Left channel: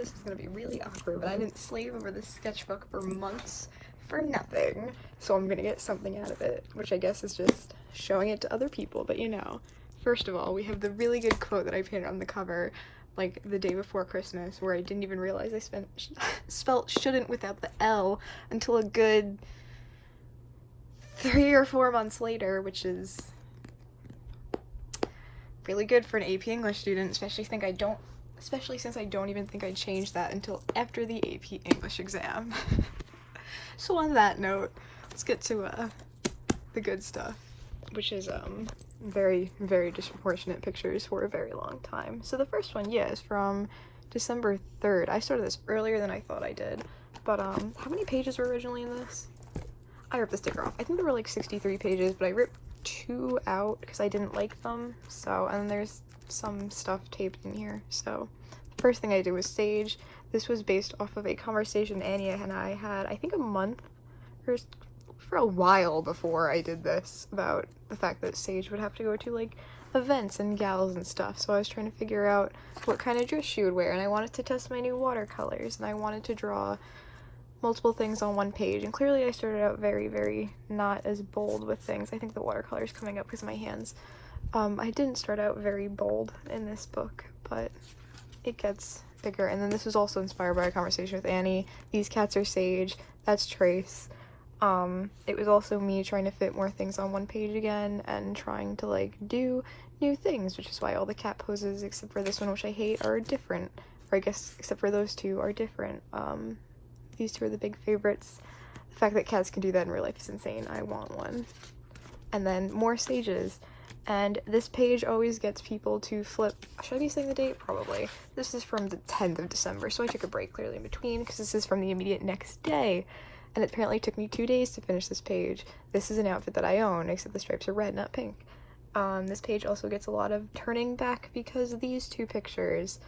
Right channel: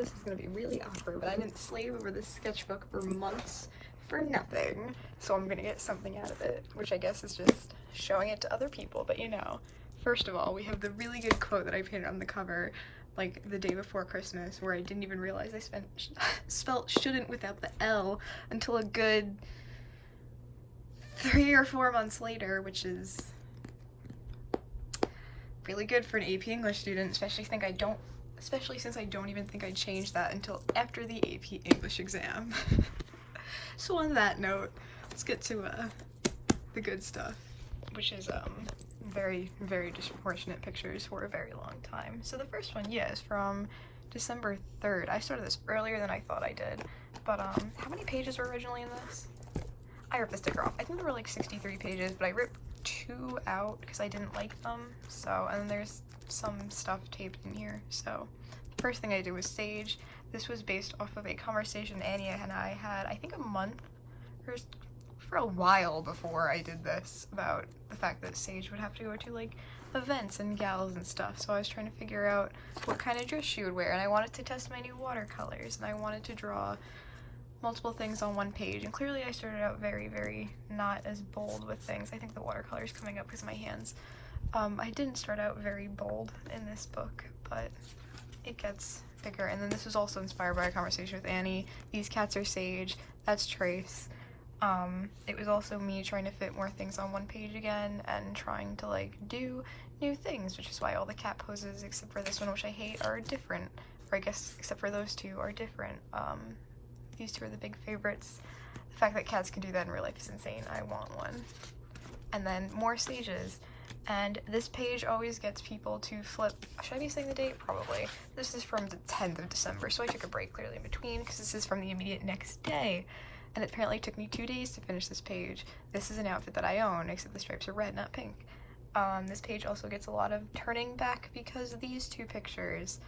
This is gonna be really awkward, but I didn't slave over this sketchbook for months for nothing, so I'm gonna get something out of it, which I guess is just showing it to other people. But you know, first of all, we have the really good quote that I painted on the cover like the day before Christmas, where I didn't even realize I spelt shouldn't without the L until a good 3 or 4 months later, which is really good for an AP English student, especially since I don't even think I changed that until after the AP English exam. So on that note, let's get to the good stuff, which is very, very disproportionate pictures for a very long time. So the first one, yeah, is from December 3rd. I started this earlier than I thought I did, but how many pages were originally in this? I ripped the sticker off. I think there were like 63 pages, but I ripped 2 out because I didn't like them. So, and there's some stuff taped in here. So the first thing I did was Sage. This was based off of a conversation Annie and I had, I think a month or for a while before I did this, about the fact that Sage would have to go to like events and gals and stuff. So I was trying to figure out what kind of dress she would wear, and I wanted to test my new watercolors, and I wanted to draw multiple things on one page, and clearly I started out very, very not as bold with things. I think the watercolor's coming up because of my hands. I didn't start out very bold in this book, but it gets bigger. And then this was also inspired by a conversation with Annie. These cats are Sage, that's Trace. It was also me trying to fit more things on one page again and trying to like do new things, which is why all the cat poses except for this one, which I hate, are different, or I guess except for those two are different. These two are the big favorites. The fact that cats can do that in real life is insane. I want one. And then more Sages. And this page always gets people to flip. Should I be saying the date? Probably. This is from the 10th of December, so I took a break clearly in between because this is from the immediate next day. And it apparently took me 2 days to finish this page. This is an outfit that I own, except the stripes are red, not pink. This page also gets a lot of turning back because of these two pictures.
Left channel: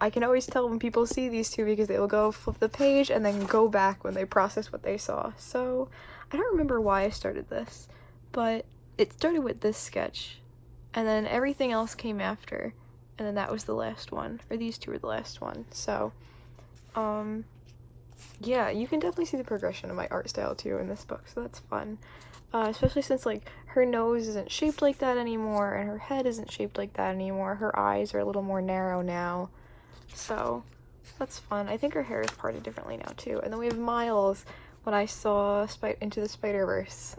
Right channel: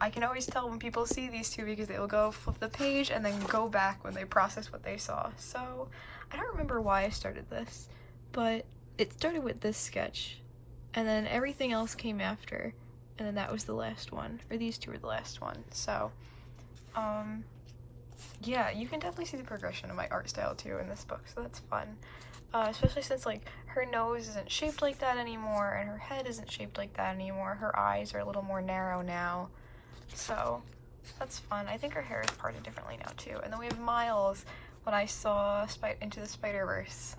I can always tell when people see these two because they will go flip the page and then go back when they process what they saw. So I don't remember why I started this, but it started with this sketch, and then everything else came after, and then that was the last one, or these two were the last one. So yeah, you can definitely see the progression of my art style too in this book, so that's fun. Especially since like her nose isn't shaped like that anymore, and her head isn't shaped like that anymore. Her eyes are a little more narrow now, so that's fun. I think her hair is parted differently now too. And then we have Miles. When I saw Into the Spider-Verse,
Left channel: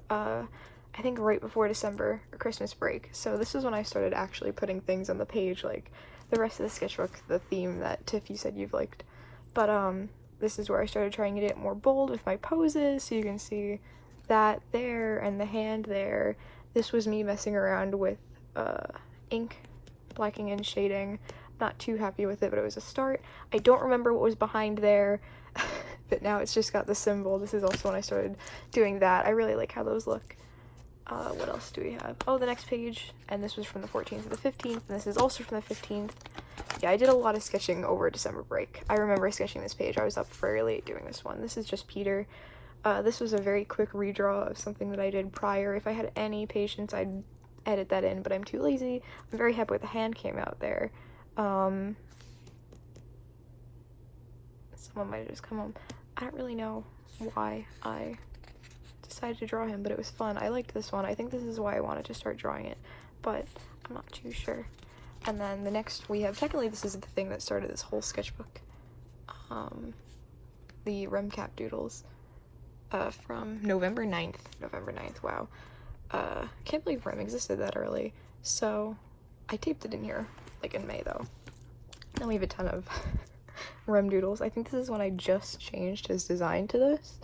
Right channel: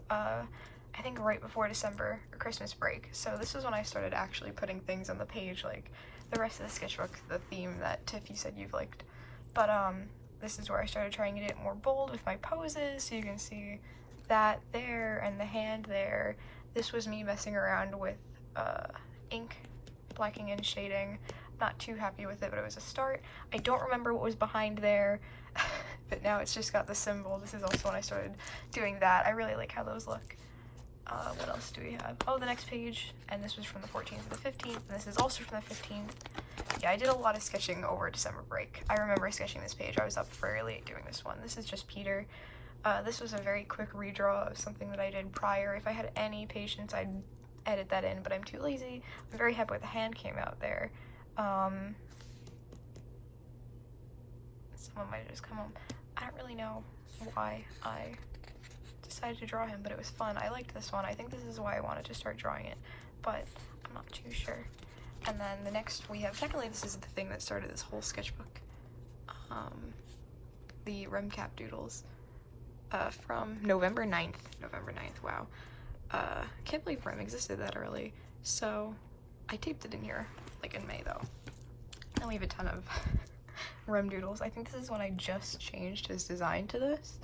I think right before December or Christmas break. So this is when I started actually putting things on the page, like the rest of the sketchbook, the theme that Tiff, you said you've liked. But this is where I started trying to get more bold with my poses, so you can see that there and the hand there. This was me messing around with ink, blocking and shading. Not too happy with it, but it was a start. I don't remember what was behind there, but now it's just got the symbol. This is also when I started doing that. I really like how those look. What else do we have? Oh, the next page, and this was from the 14th to the 15th, and this is also from the 15th. Yeah, I did a lot of sketching over December break. I remember sketching this page. I was up very late doing this one. This is just Peter. This was a very quick redraw of something that I did prior. If I had any patience, I'd edit that in, but I'm too lazy. I'm very happy with the hand came out there. Someone might have just come home. I don't really know why I decided to draw him, but it was fun. I liked this one. I think this is why I wanted to start drawing it, but I'm not too sure. And then the next we have, technically this is the thing that started this whole sketchbook, the RemCap doodles, from November 9th, wow. Can't believe Rem existed that early, so I taped it in here, like in May though. I leave a ton of Rem doodles. I think this is when I just changed his design to this,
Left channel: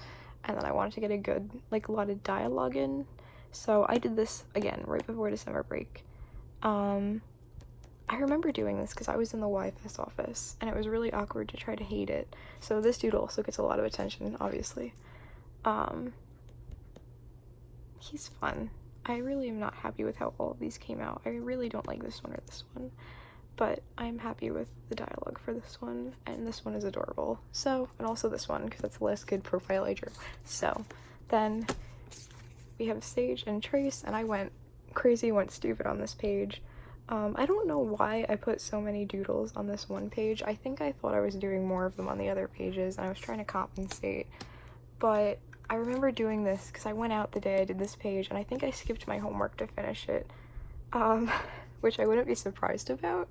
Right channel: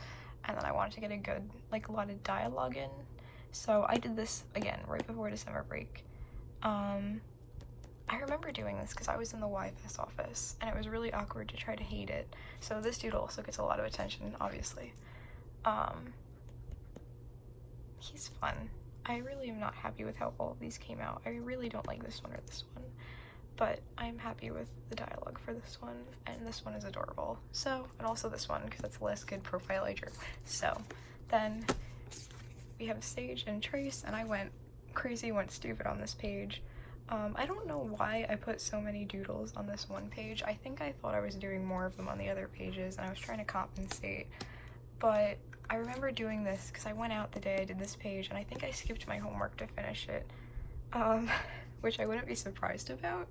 and then I wanted to get a good, like, a lot of dialogue in, so I did this again right before December break. I remember doing this because I was in the YFS office, and it was really awkward to try to hate it, so this doodle also gets a lot of attention, obviously. He's fun. I really am not happy with how all of these came out. I really don't like this one or this one, but I'm happy with the dialogue for this one, and this one is adorable. So, and also this one, because that's the last good profile I drew. So, then we have Sage and Trace, and I went crazy, went stupid on this page. I don't know why I put so many doodles on this one page. I think I thought I was doing more of them on the other pages, and I was trying to compensate. But I remember doing this because I went out the day I did this page, and I think I skipped my homework to finish it, which I wouldn't be surprised about,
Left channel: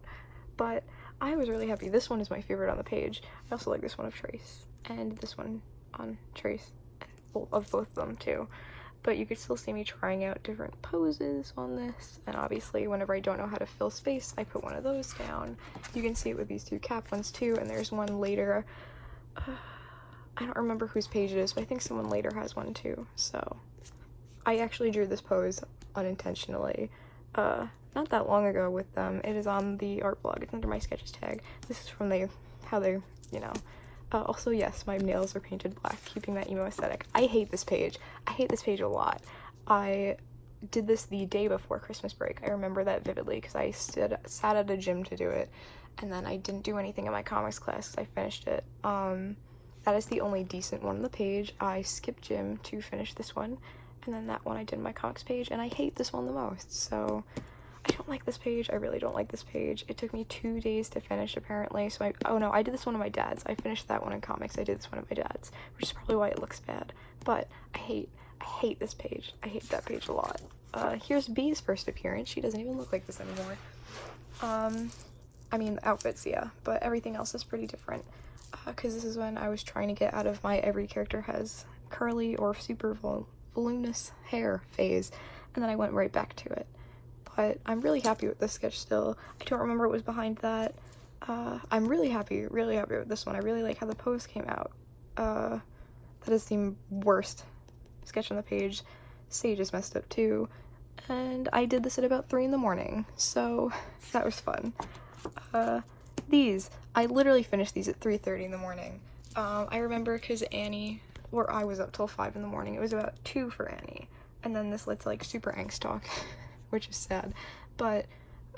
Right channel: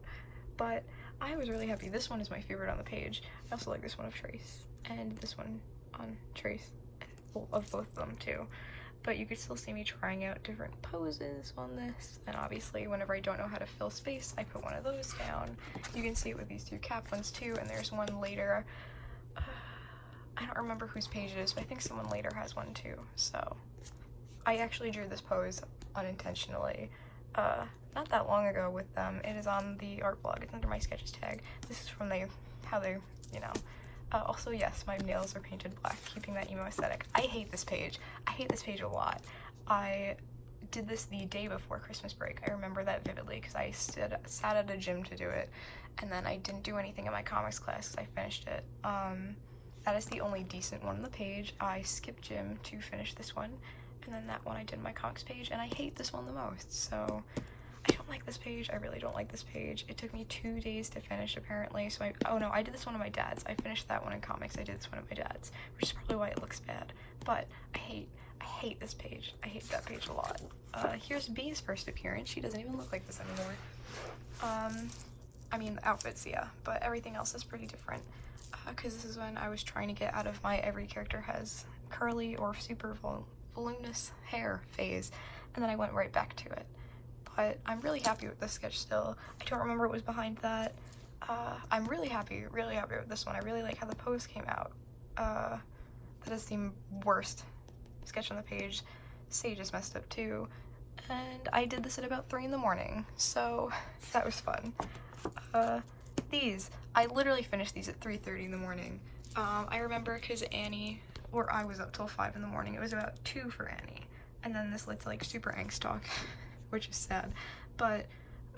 but I was really happy. This one is my favorite on the page. I also like this one of Trace, and this one on Trace, of both of them too. But you could still see me trying out different poses on this, and obviously whenever I don't know how to fill space, I put one of those down. You can see it with these two cap ones too, and there's one later. I don't remember whose page it is, but I think someone later has one too. So I actually drew this pose unintentionally not that long ago with them. It is on the art blog. It's under my sketches tag. This is from how they, you know. Also, yes, my nails are painted black, keeping that emo aesthetic. I hate this page. I hate this page a lot. I did this the day before Christmas break. I remember that vividly because I sat at a gym to do it, and then I didn't do anything in my comics class. I finished it. That is the only decent one on the page. I skipped gym to finish this one, and then that one I did in my comics page, and I hate this one the most, so I don't like this page. I really don't like this page. It took me 2 days to finish, apparently, so oh no, I did this one on my dad's. I finished that one in comics. I did this one on my dad's, which is probably why it looks bad, but I hate this page. I hate that page a lot. Here's B's first appearance. She doesn't even look like this anymore. I mean, the outfits, yeah, but everything else is pretty different, because this is when I was trying to get out of my every character has curly or super voluminous hair phase, and then I went right back to it. But I'm really happy with this sketch still. I don't remember what was behind that. I'm really happy with this one. I really like how the pose came out. That is the worst sketch on the page. Sage is messed up too. And I did this at about 3 in the morning, so that was fun. I literally finished these at 3:30 in the morning. I remember because Annie, or I was up till 5 in the morning. It was about 2 for Annie. And then this led to like super angst talk, which is sad. But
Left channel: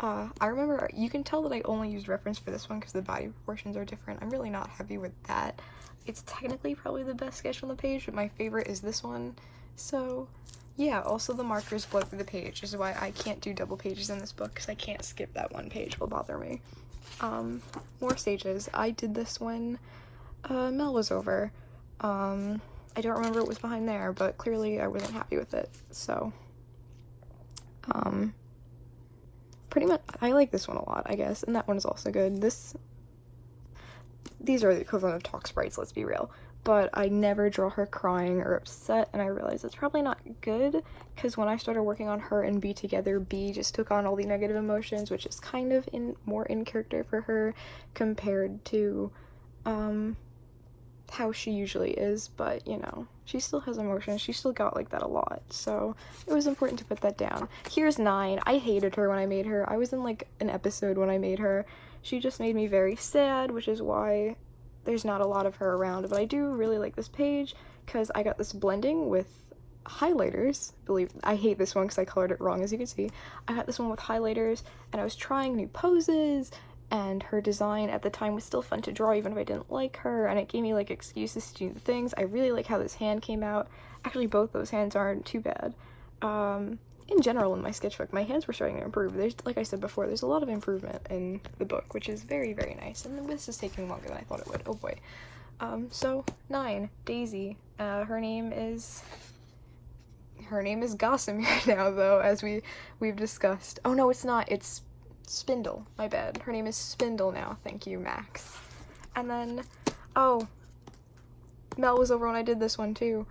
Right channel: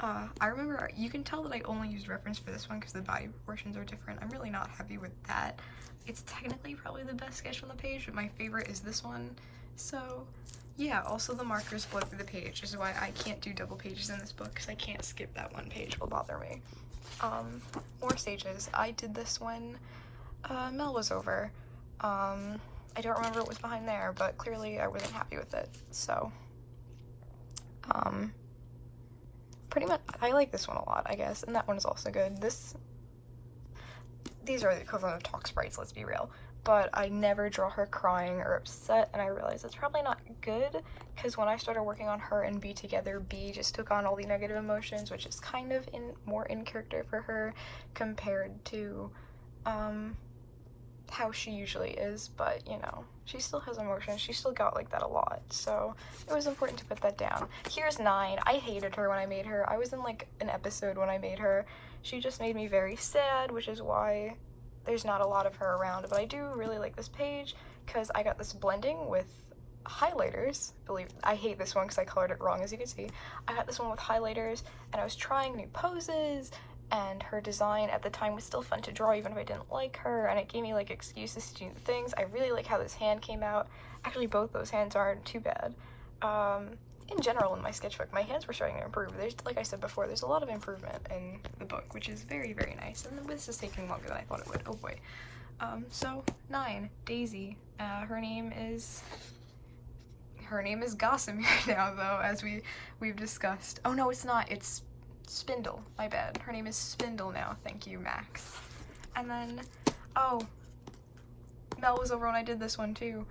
I remember, you can tell that I only used reference for this one because the body proportions are different. I'm really not happy with that. It's technically probably the best sketch on the page, but my favorite is this one. So yeah, also the markers blow through the page, which is why I can't do double pages in this book because I can't skip that one page. It'll bother me. More stages. I did this when Mel was over. I don't remember what was behind there, but clearly I wasn't happy with it, so pretty much I like this one a lot, I guess, and that one's also good. These are the equivalent of talk sprites, let's be real, but I never draw her crying or upset, and I realized that's probably not good, because when I started working on her and B together, B just took on all the negative emotions, which is kind of more in character for her compared to how she usually is, but you know, she still has emotions. She still got like that a lot, so it was important to put that down. Here's 9. I hated her when I made her. I was in like an episode when I made her. She just made me very sad, which is why there's not a lot of her around, but I do really like this page because I got this blending with highlighters. I hate this one because I colored it wrong, as you can see. I got this one with highlighters, and I was trying new poses, and her design at the time was still fun to draw even if I didn't like her, and it gave me like excuses to do things. I really like how this hand came out. Actually, both those hands aren't too bad. In general, in my sketchbook, my hands were starting to improve. There's, like I said before, there's a lot of improvement in the book, which is very, very nice, and this is taking longer than I thought it would. Oh boy. So 9, Daisy. Her name is Gossamer now, though, as we've discussed. Oh no, it's not. It's Spindle. My bad. Her name is Spindle now. Thank you, Max. And then, oh, Mel was over when I did this one too.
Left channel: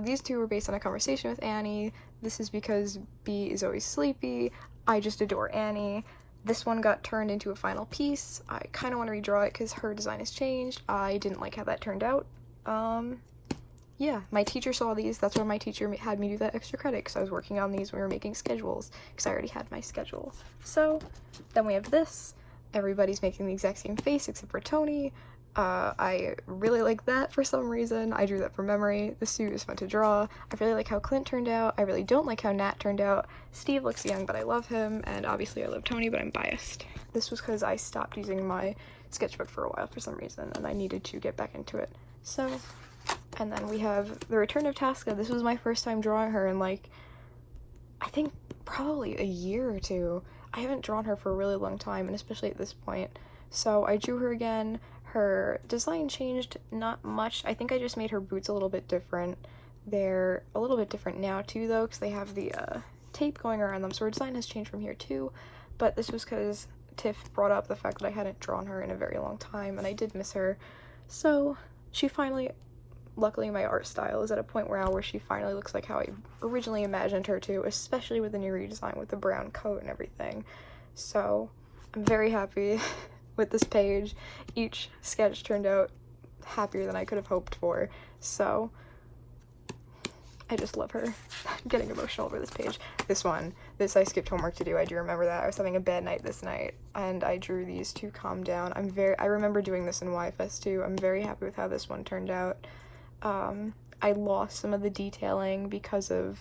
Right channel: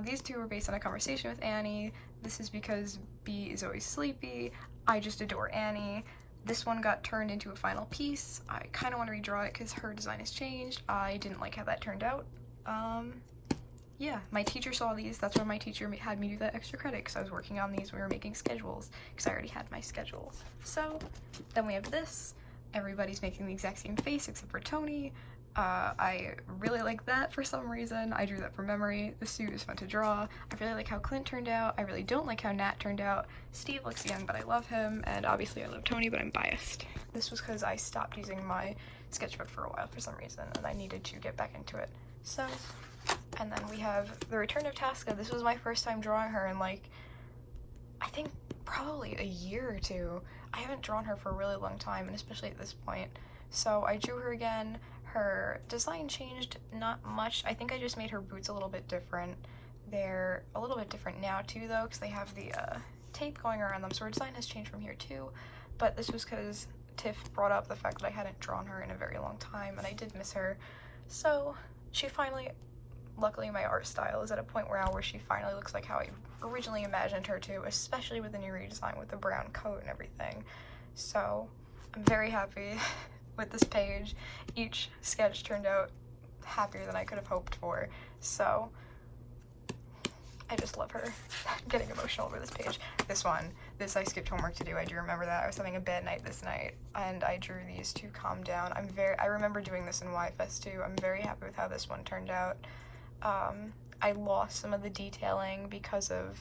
These two were based on a conversation with Annie. This is because B is always sleepy. I just adore Annie. This one got turned into a final piece. I kind of want to redraw it because her design has changed. I didn't like how that turned out. Yeah, my teacher saw these. That's why my teacher had me do that extra credit, because I was working on these when we were making schedules, because I already had my schedule. So, then we have this. Everybody's making the exact same face except for Tony. I really like that for some reason. I drew that from memory. The suit is fun to draw. I really like how Clint turned out. I really don't like how Nat turned out. Steve looks young, but I love him, and obviously I love Tony, but I'm biased. This was because I stopped using my sketchbook for a while for some reason, and I needed to get back into it. So, and then we have the return of Tasca. This was my first time drawing her in, like, I think probably a year or two. I haven't drawn her for a really long time, and especially at this point. So I drew her again. Her design changed not much. I think I just made her boots a little bit different. They're a little bit different now too though, because they have the tape going around them, so her design has changed from here too. But this was because Tiff brought up the fact that I hadn't drawn her in a very long time, and I did miss her. So she finally, luckily my art style is at a point where she finally looks like how I originally imagined her to, especially with the new redesign with the brown coat and everything. So I'm very happy with this page. Each sketch turned out happier than I could have hoped for, so I just love her. I'm getting emotional over this page. This I skipped homework to do. I do remember that. I was having a bad night this night, and I drew these to calm down. I remember doing this in YFS too. I'm very happy with how this one turned out. I lost some of the detailing because of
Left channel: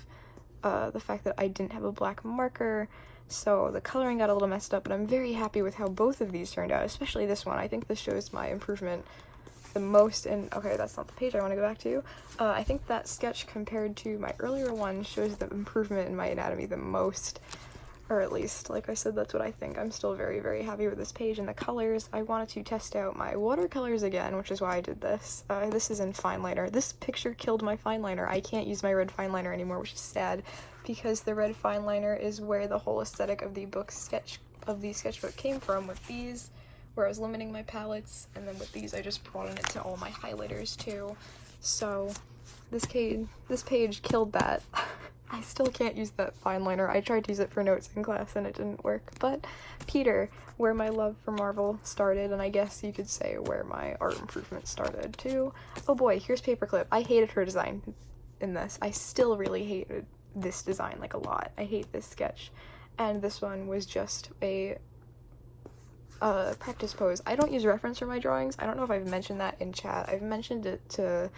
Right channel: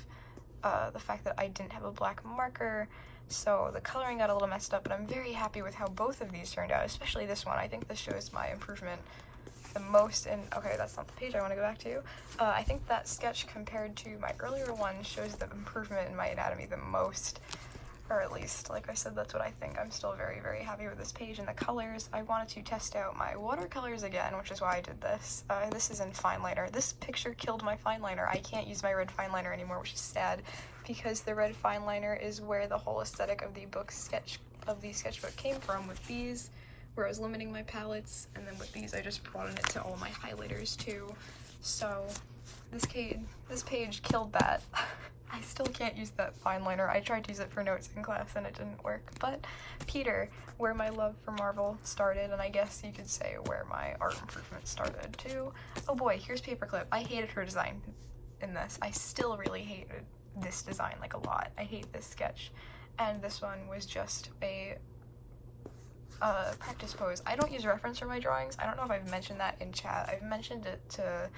the fact that I didn't have a black marker, so the coloring got a little messed up, but I'm very happy with how both of these turned out, especially this one. I think this shows my improvement the most in, okay, that's not the page I want to go back to. I think that sketch compared to my earlier one shows the improvement in my anatomy the most, or at least, like I said, that's what I think. I'm still very, very happy with this page and the colors. I wanted to test out my watercolors again, which is why I did this. This is in fine liner. This picture killed my fine liner. I can't use my red fine liner anymore, which is sad, because the red fine liner is where the whole aesthetic of the sketchbook came from, with these, where I was limiting my palettes, and then with these I just broadened it to all my highlighters too. So this page killed that. I still can't use that fine liner. I tried to use it for notes in class and it didn't work. But Peter, where my love for Marvel started, and I guess you could say where my art improvement started too. Oh boy, here's Paperclip. I hated her design in this. I still really hated this design like a lot. I hate this sketch. And this one was just a practice pose. I don't use reference for my drawings. I don't know if I've mentioned that in chat. I've mentioned it to,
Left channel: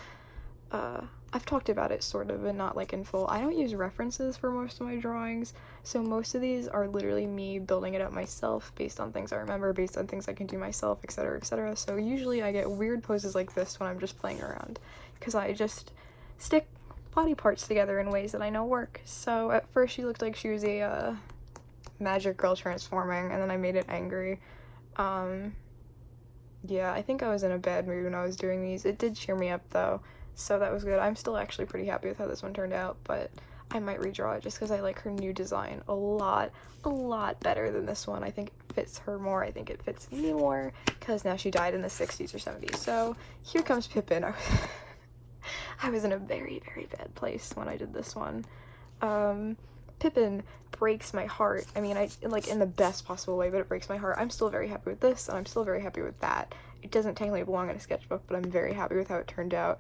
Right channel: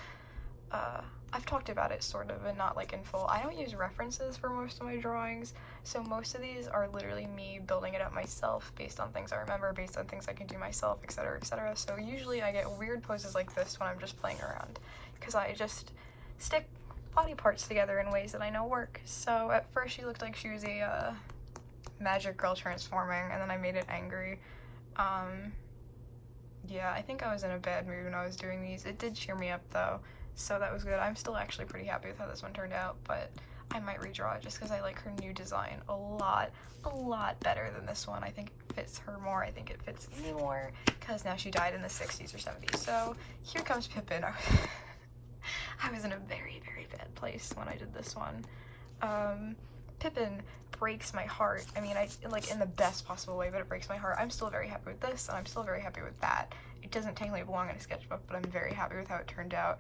I've talked about it sort of, and not like in full. I don't use references for most of my drawings, so most of these are literally me building it up myself based on things I remember, based on things I can do myself, etc, etc. So usually I get weird poses like this when I'm just playing around, because I just stick body parts together in ways that I know work. So at first she looked like she was a magic girl transforming, and then I made it angry. Yeah, I think I was in a bad mood when I was doing these. It did cheer me up though, so that was good. I'm still actually pretty happy with how this one turned out, but I might redraw it just because I like her new design a lot better than this one. I think it fits her more. I think it fits me more, because now she died in the 60s or 70s. So here comes Pippin. I was in a very, very bad place when I did this one. Pippin breaks my heart. I mean, like in the best possible way, but it breaks my heart. I'm still very happy with this, and I'm still very happy with that. It doesn't technically belong in a sketchbook, but I'm very happy with how it turned out,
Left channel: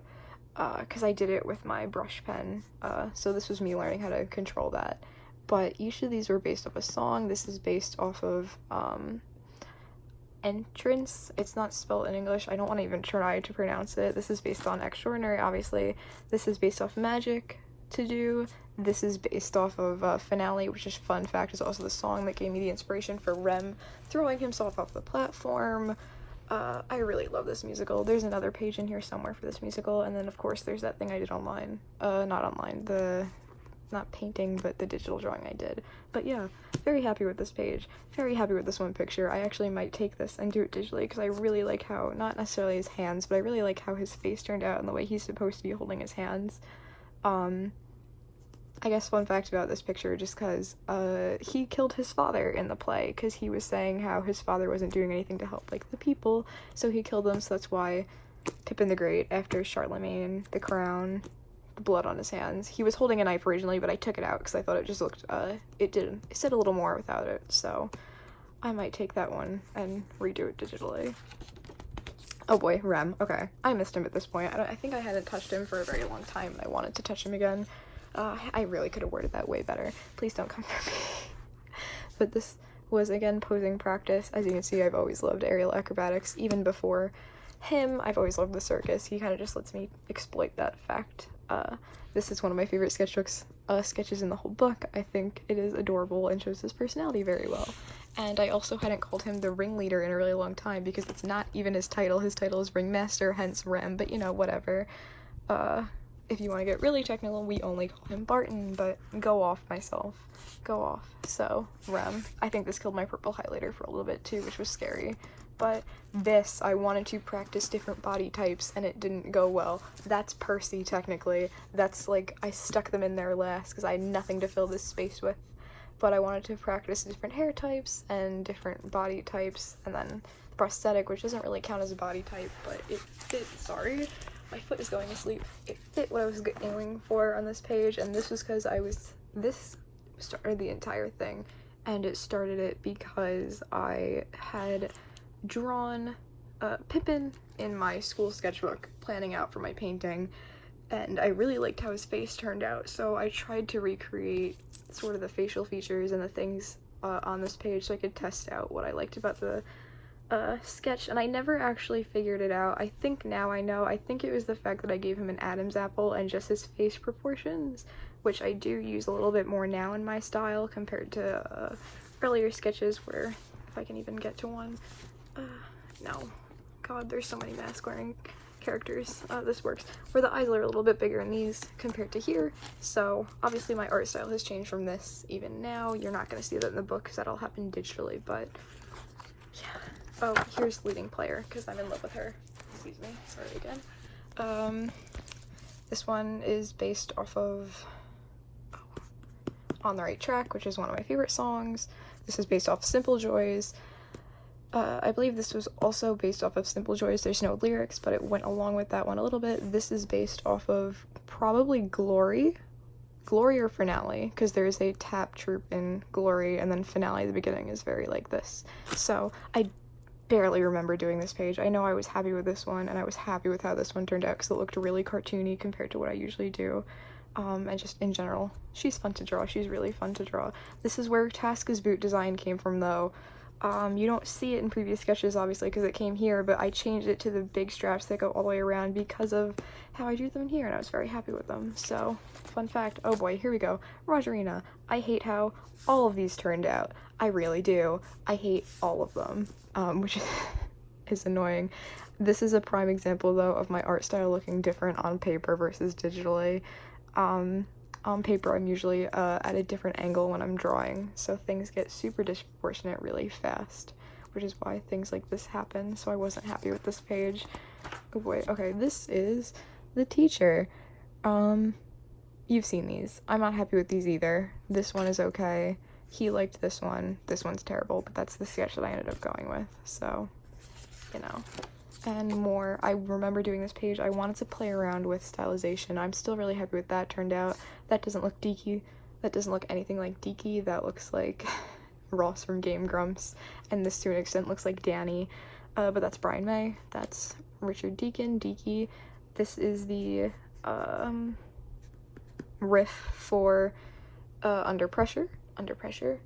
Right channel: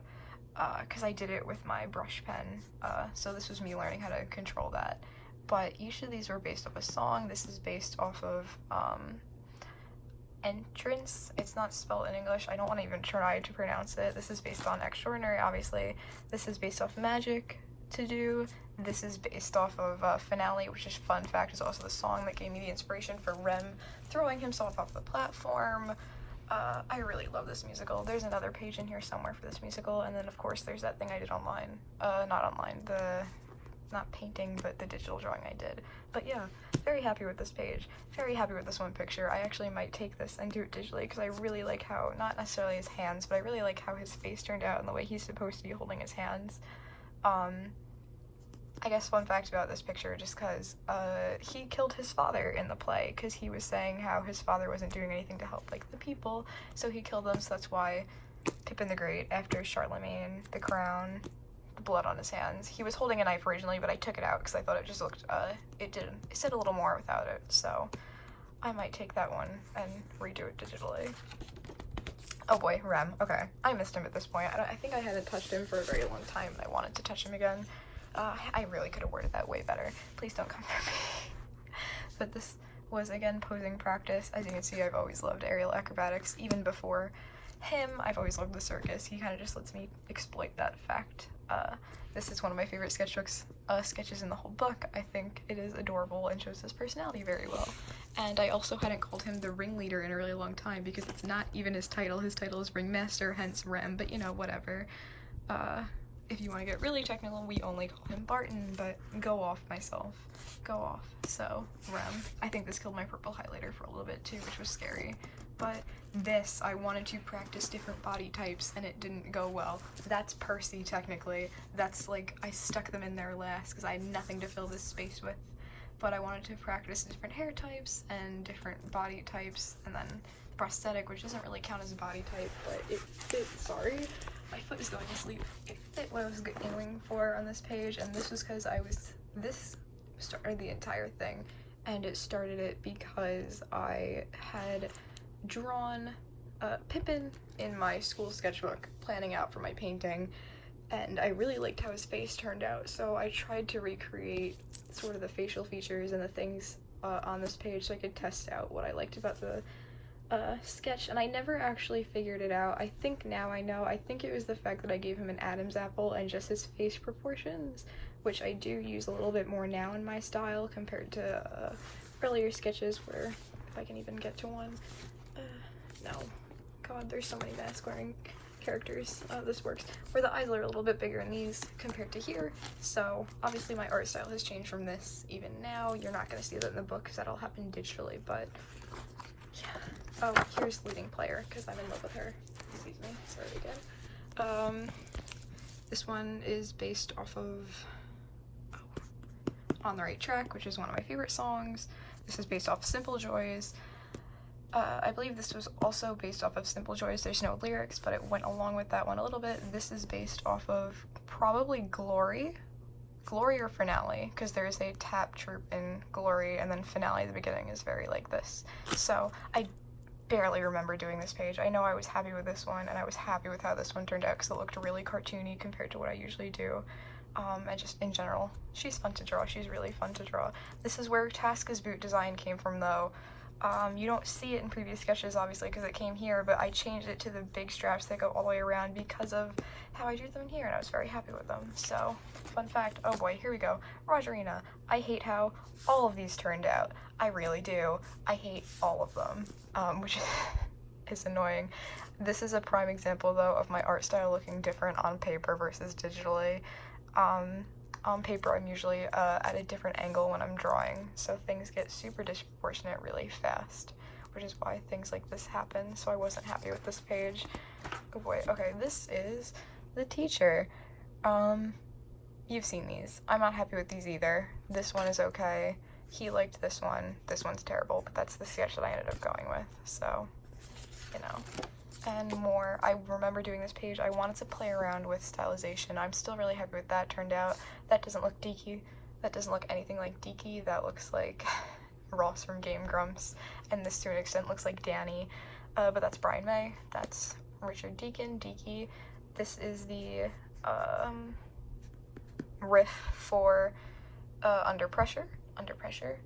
because I did it with my brush pen, so this was me learning how to control that. But each of these were based off a song. This is based off of, Entrance. It's not spelled in English. I don't want to even try to pronounce it. This is based on Extraordinary, obviously. This is based off Magic to Do. This is based off of Finale, which is, fun fact, is also the song that gave me the inspiration for Rem throwing himself off the platform. I really love this musical. There's another page in here somewhere for this musical, and then of course there's that thing I did online. Not online, not painting, but the digital drawing I did. But yeah, very happy with this page. Very happy with this one picture. I actually might take this and do it digitally, because I really like how, not necessarily his hands, but I really like how his face turned out and the way he's supposed to be holding his hands. I guess fun fact about this picture, just because he killed his father in the play, because he was saying how his father wasn't doing anything to help like the people, so he killed them. So that's why Pippin the Great, after Charlemagne, the crown, the blood on his hands, he was holding a knife originally, but I took it out because I thought it just looked, it said a little more without it, so I might take that one and redo it digitally. Oh boy, Rem. Okay, I missed him at this point. I think I hadn't touched him for a very long time, and I wanted to touch him again. I really could have worded that way better. Please don't come for me. But this was, again, posing practice. As you can see, I've always loved aerial acrobatics. Even before him, I've always loved the circus. He kind of just lets me exploit that fact. This is one of my favorite sketchbooks, sketches in the whole book. I think it is adorable and shows his personality very well. And I also hadn't called him the ringleader in a really long time, because it's not even his title. His title is Ringmaster, hence Rem, but you know, whatever. if you want to get really technical, we only call him Barton, but go off myself. Go off. So, I think this killed my purple highlighter for a little bit too, which was scary. But this, I wanted to practice different body types, and it didn't go well. That's Percy, technically. That's, like, I stuck them in there last, because I had nothing to fill this space with. But I wanted to practice different hair types, and different body types, and then prosthetic, which doesn't really count as a body type, but it fit, sorry. My foot is going to sleep. It fit what I was aiming for on this page, and this was because this started the entire thing, and it started it because I had drawn Pippin in my school sketchbook, planning out for my painting, and I really liked how his face turned out, so I tried to recreate sort of the facial features and the things on this page so I could test out what I liked about the sketch, and I never actually figured it out. I think now I know. I think it was the fact that I gave him an Adam's apple and just his face proportions, which I do use a little bit more now in my style compared to earlier sketches where, if I can even get to one, no, god, there's so many mask-wearing characters. This works. Where the eyes are a little bit bigger in these compared to here, so obviously my art style has changed from this even now. You're not going to see that in the book because that'll happen digitally, but oh, here's leading player, because I'm in love with her. Excuse me, sorry again. This one is based off of On the Right Track, which is one of my favorite songs. This is based off Simple Joys. I believe this was also based off of Simple Joys. There's no lyrics, but it went along with that one a little bit. This is based off of probably Glory or Finale, because there's a tap troop in Glory, and then Finale at the beginning is very like this. So I barely remember doing this page. I know I was happy with this one, and I was happy with how this one turned out because it looked really cartoony compared to what I usually do. And just in general, she's fun to draw. She's really fun to draw. This is where Tasca's boot design came from, though. You don't see it in previous sketches, obviously, because it came here, but I changed it to the big straps that go all the way around because of how I drew them here, and I was very happy with them. So, fun fact, oh boy, here we go. Rogerina. I hate how all of these turned out. I really do. I hate all of them, which is annoying. This is a prime example, though, of my art style looking different on paper versus digitally. On paper, I'm usually at a different angle when I'm drawing, so things get super disproportionate really fast, which is why things like this happen, so I wasn't happy with this page. Oh boy, okay, this is the teacher. You've seen these. I'm not happy with these either. This one is okay. He liked this one. This one's terrible, but that's the sketch that I ended up going with, so, you know. And more. I remember doing this page. I wanted to play around with stylization. I'm still really happy with that turned out. That doesn't look Deaky. That doesn't look anything like Deaky. That looks like Ross from Game Grumps. And this to an extent looks like Danny. But that's Brian May. That's Richard Deacon, Deaky. This is the riff for Under Pressure. Under Pressure.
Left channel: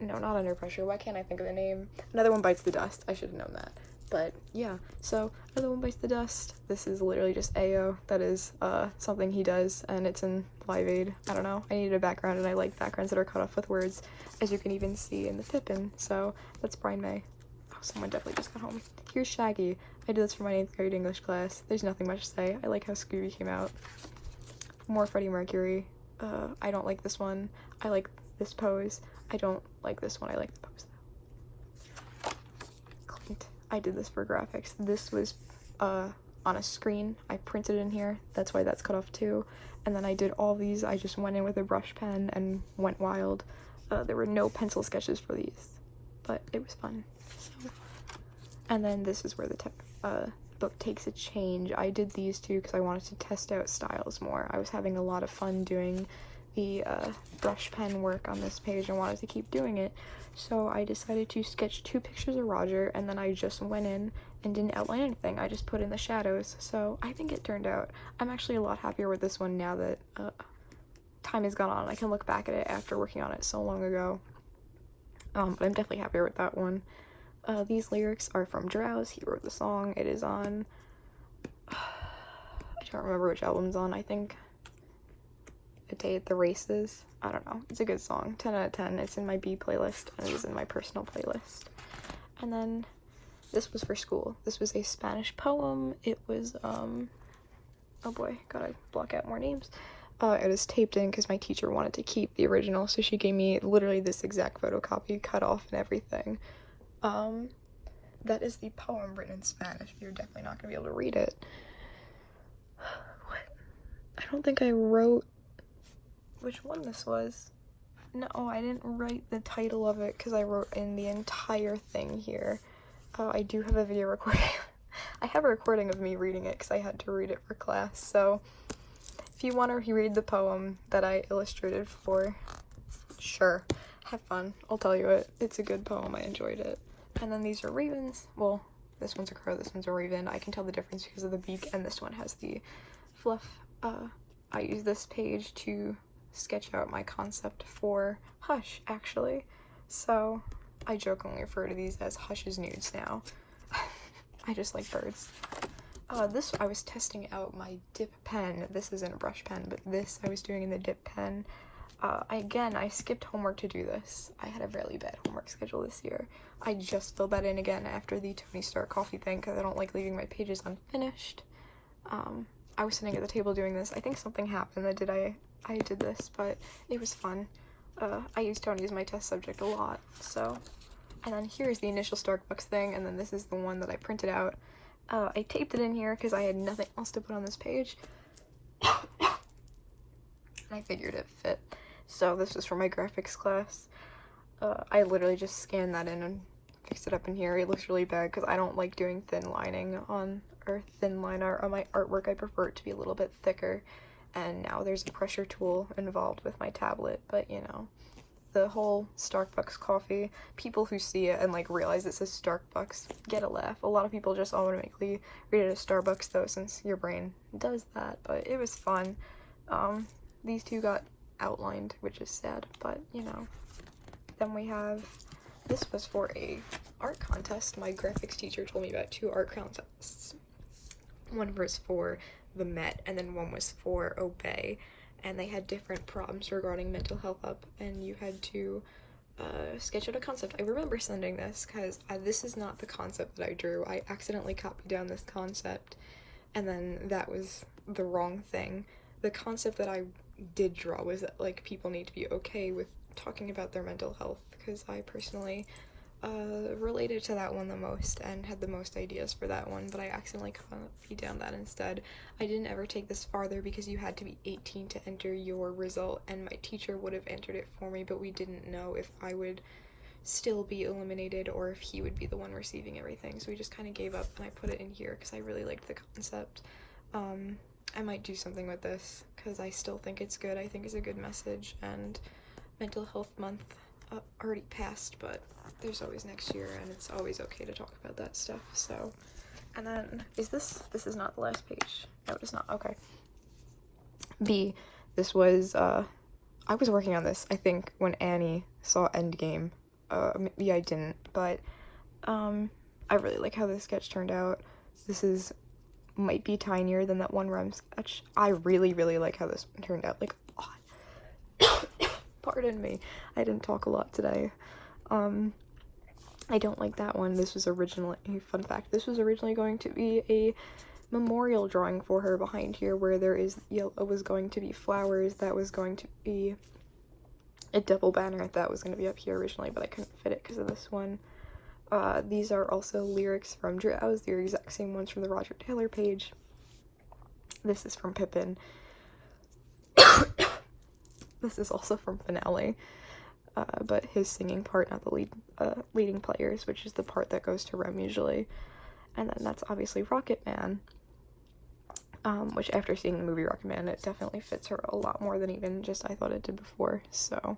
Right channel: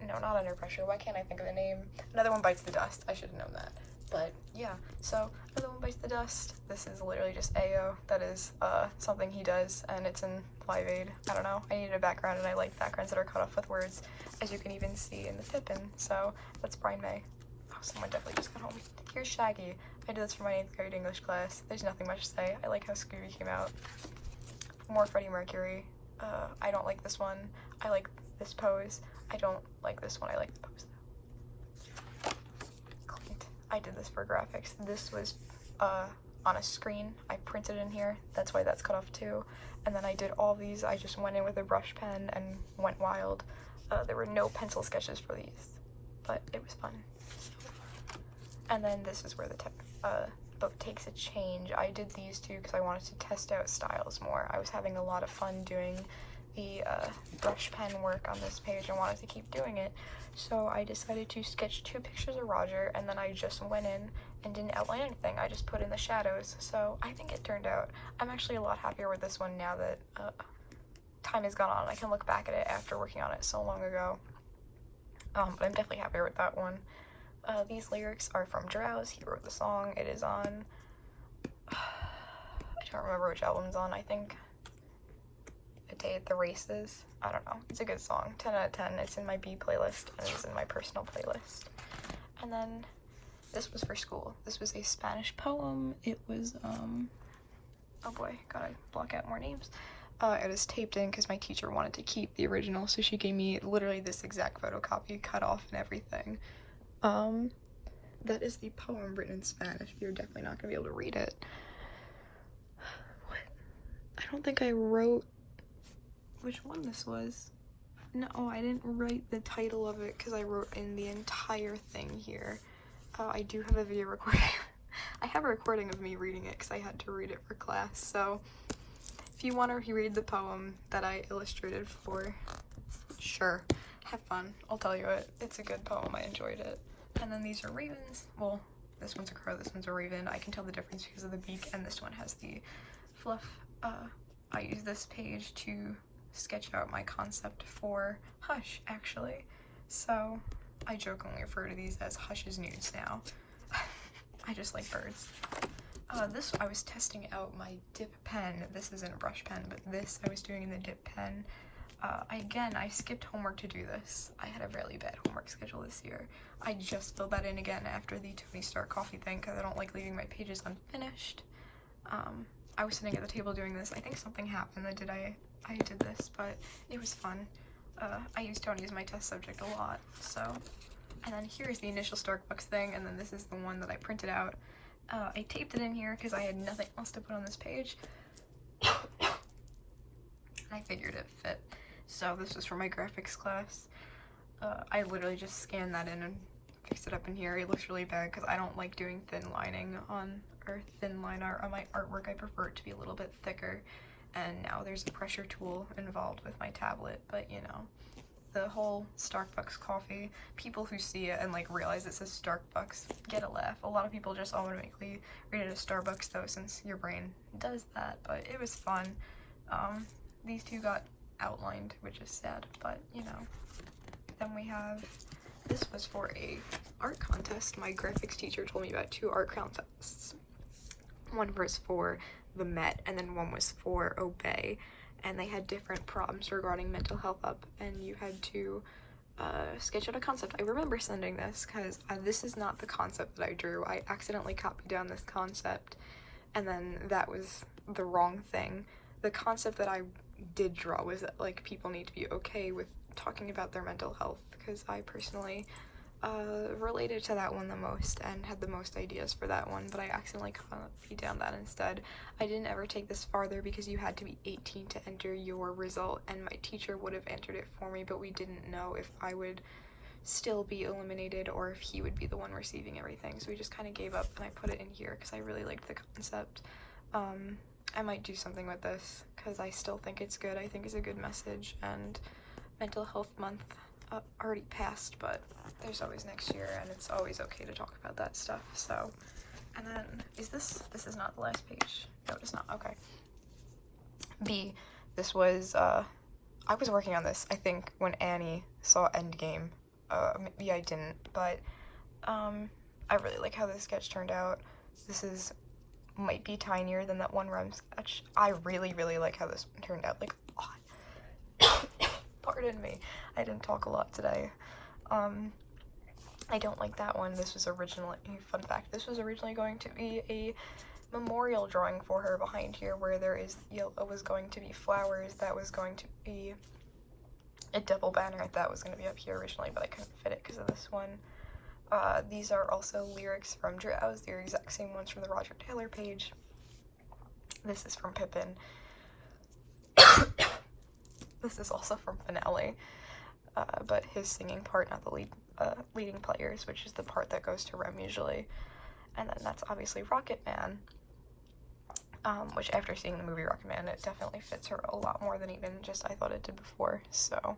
No, not Under Pressure. Why can't I think of the name? Another One Bites the Dust. I should have known that. But yeah, so Another One Bites the Dust. This is literally just AO. That is something he does, and it's in Live Aid. I don't know. I needed a background, and I like backgrounds that are cut off with words, as you can even see in the Pippin. So that's Brian May. Oh, someone definitely just got home. Here's Shaggy. I did this for my 8th grade English class. There's nothing much to say. I like how Scooby came out. More Freddie Mercury. I don't like this one. I like this pose. I don't like this one. I like the pose. I did this for graphics. This was on a screen. I printed it in here. That's why that's cut off too. And then I did all these. I just went in with a brush pen and went wild. There were no pencil sketches for these, but it was fun. So. And then this is where the book takes a change. I did these two because I wanted to test out styles more. I was having a lot of fun doing the brush pen work on this page and wanted to keep doing it. So I decided to sketch 2 pictures of Roger, and then I just went in and didn't outline anything. I just put in the shadows. So I think it turned out. I'm actually a lot happier with this one now that time has gone on. I can look back at it after working on it so long ago. But I'm definitely happier with that one. These lyrics are from Drowse. He wrote the song. It is on, I don't remember which album's on, I think A Day at the Races. I don't know. It's a good song. 10 out of 10. It's in my B playlist, and it's in my personal playlist. And then this was for school. This was a Spanish poem. It was, oh boy, gotta block out more names. It was taped in because my teacher wanted to keep the original, so she gave me literally this exact photocopy, cut off and everything. That is the poem written in Spanish. You're definitely not gonna be able to read it. What? I don't think I wrote which one this was. No, I didn't write the title of it because I wrote in the entire thing here. I do have a video recording. I have a recording of me reading it because I had to read it for class, so if you want to reread the poem that I illustrated for, sure, have fun. I'll tell you it. It's a good poem. I enjoyed it. And then these are ravens. Well, this one's a crow, this one's a raven. I can tell the difference because of the beak, and this one has the fluff. I use this page to sketch out my concept for Hush, actually. So I jokingly refer to these as Hush's nudes now. I just like birds. This, I was testing out my dip pen. This isn't a brush pen, but this I was doing in the dip pen. Again, I skipped homework to do this. I had a really bad homework schedule this year. I just filled that in again after the Tony Stark coffee thing because I don't like leaving my pages unfinished. I was sitting at the table doing this. I think something happened that I did this, but it was fun. I used Tony as my test subject a lot, so. And then here's the initial Starbucks thing, and then this is the one that I printed out. I taped it in here because I had nothing else to put on this page. I figured it fit. So this was for my graphics class. I literally just scanned that in and fixed it up in here. It looks really bad because I don't like doing thin lining on, or thin line art on my artwork. I prefer it to be a little bit thicker. And now there's a pressure tool involved with my tablet, but you know, the whole Starbucks coffee, people who see it and like realize it says Starbucks get a laugh. A lot of people just automatically read it as Starbucks though, since your brain does that, but it was fun. These two got outlined, which is sad, but you know. Then we have, this was for a art contest. My graphics teacher told me about 2 art contests. One was for the Met, and then one was for Obey, and they had different problems regarding mental health up, and you had to sketch out a concept. I remember sending this because this is not the concept that I drew. I accidentally copied down this concept, and then that was the wrong thing. The concept that I did draw was that like people need to be okay with talking about their mental health, because I personally related to that one the most and had the most ideas for that one, but I accidentally copied down that instead. I didn't ever take this farther because you had to be 18 to enter your result, and my teacher would have entered it for me, but we didn't know if I would still be eliminated or if he would be the one receiving everything, so we just kind of gave up, and I put it in here because I really liked the concept. I might do something with this because I still think it's good. I think it's a good message, and Mental Health Month already passed, but there's always next year, and it's always okay to talk about that stuff. So, and then this is not the last page. No, it's not. Okay. This was I was working on this, I think, when Annie saw Endgame. Maybe I didn't, but I really like how this sketch turned out. This might be tinier than that one rhyme sketch. I really like how this turned out. Like, pardon me, I didn't talk a lot today. I don't like that one. This was originally, fun fact, this was originally going to be a memorial drawing for her behind here, where there is yellow, was going to be flowers, that was going to be a double banner that was going to be up here originally, but I couldn't fit it because of this one. These are also lyrics from Drowse, the exact same ones from the Roger Taylor page. This is from Pippin. This is also from Finale, but his singing part, not the leading players, which is the part that goes to Rome usually. And then that's obviously Rocket Man, which after seeing the movie Rocket Man, it definitely fits her a lot more than even just I thought it did before, so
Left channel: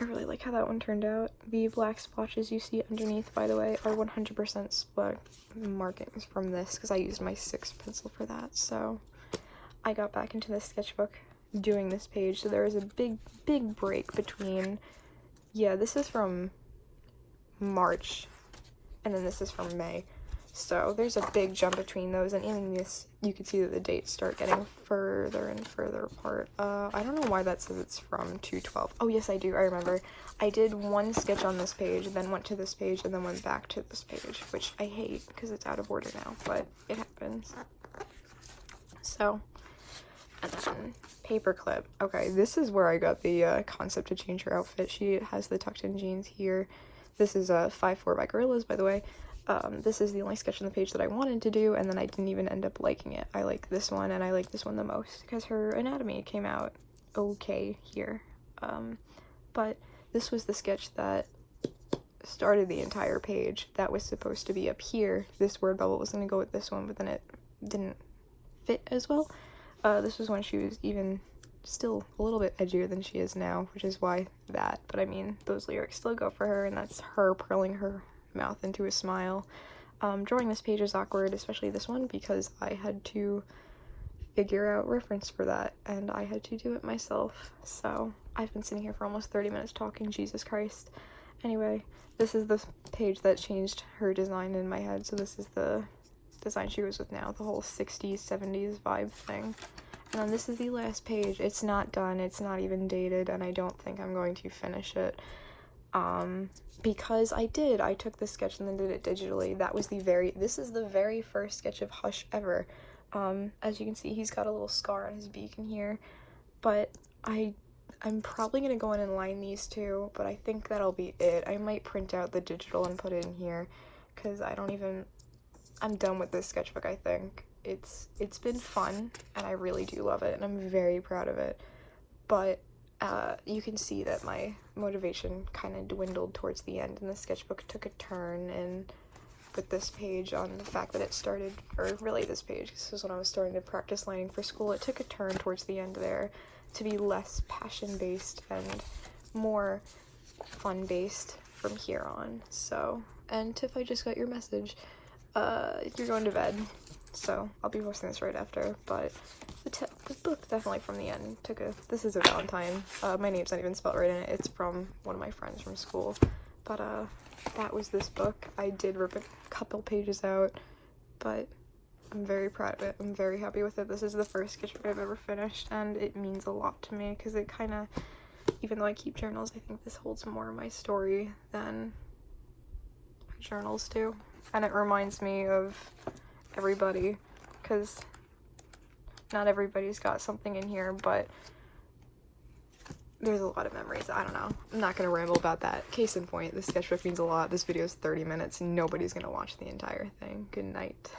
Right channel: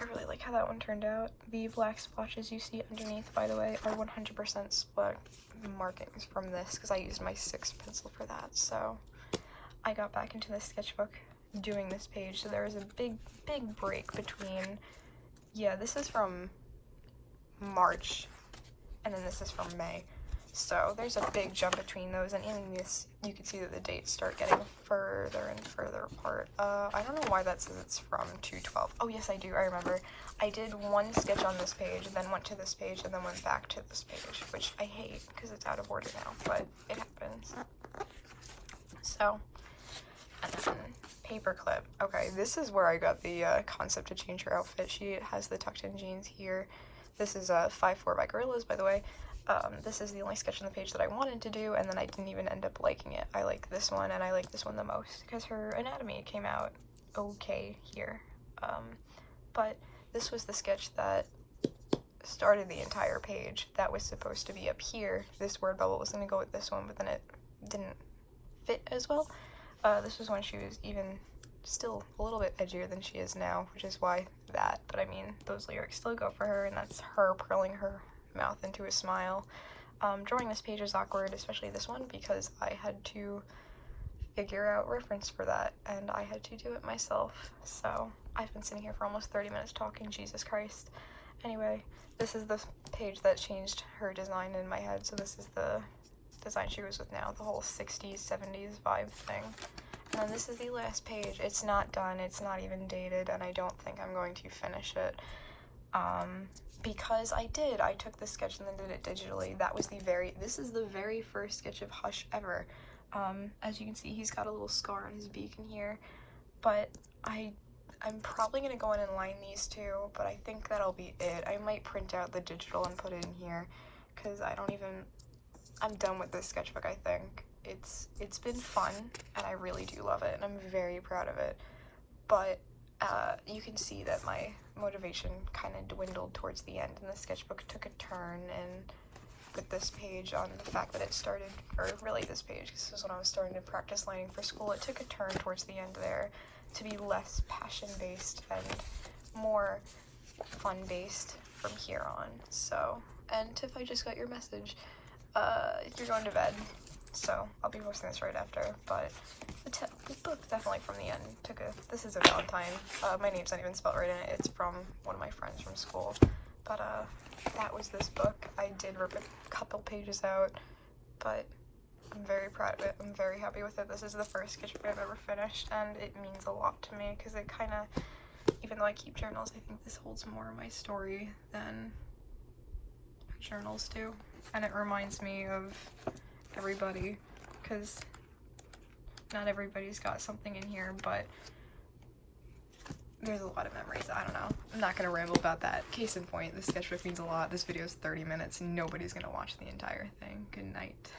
I really like how that one turned out. The black splotches you see underneath, by the way, are 100% split markings from this, because I used my 6 pencil for that, so I got back into the sketchbook doing this page, so there was a big break between, yeah, this is from March, and then this is from May, so there's a big jump between those, and in this, you can see that the dates start getting further and further apart. I don't know why that says it's from 2/12. Oh yes, I do, I remember. I did one sketch on this page, then went to this page, and then went back to this page, which I hate because it's out of order now, but it happens. So, paperclip. Okay, this is where I got the concept to change her outfit. She has the tucked-in jeans here. This is 5'4" by Gorillas, by the way. This is the only sketch on the page that I wanted to do, and then I didn't even end up liking it. I like this one, and I like this one the most, because her anatomy came out okay here. But this was the sketch that started the entire page. That was supposed to be up here. This word bubble was going to go with this one, but then it didn't fit as well. This was when she was even still a little bit edgier than she is now, which is why that. But I mean, those lyrics still go for her, and that's her purling her mouth into a smile. Drawing this page is awkward, especially this one, because I had to figure out reference for that, and I had to do it myself. So I've been sitting here for almost 30 minutes talking, Jesus Christ. Anyway, this is the page that changed her design in my head. So this is the design she was with now, the whole 60s, 70s vibe thing. And this is the last page. It's not done, it's not even dated, and I don't think I'm going to finish it. Because I took this sketch and then did it digitally. This is the very first sketch of Hush ever. As you can see, he's got a little scar on his beak in here, but I'm probably gonna go in and line these two, but I think that'll be it. I might print out the digital and put it in here, because I'm done with this sketchbook, I think. It's been fun, and I really do love it, and I'm very proud of it, but you can see that my motivation kind of dwindled towards the end, and the sketchbook took a turn, and with this page, the fact that it started, or really this page, this is when I was starting to practice lining for school, it took a turn towards the end there to be less passion-based and more fun-based from here on. So, and Tiff, I just got your message. You're going to bed, so I'll be posting this right after, but it's definitely from the end. This is a Valentine. My name's not even spelled right in it. It's from one of my friends from school, but that was this book. I did rip a couple pages out, but I'm very proud of it. I'm very happy with it. This is the first sketchbook I've ever finished, and it means a lot to me, because it kind of, even though I keep journals, I think this holds more of my story than journals do, and it reminds me of everybody, because not everybody's got something in here, but there's a lot of memories. I don't know. I'm not gonna ramble about that. Case in point, this sketchbook means a lot. This video is 30 minutes, and nobody's gonna watch the entire thing. Good night.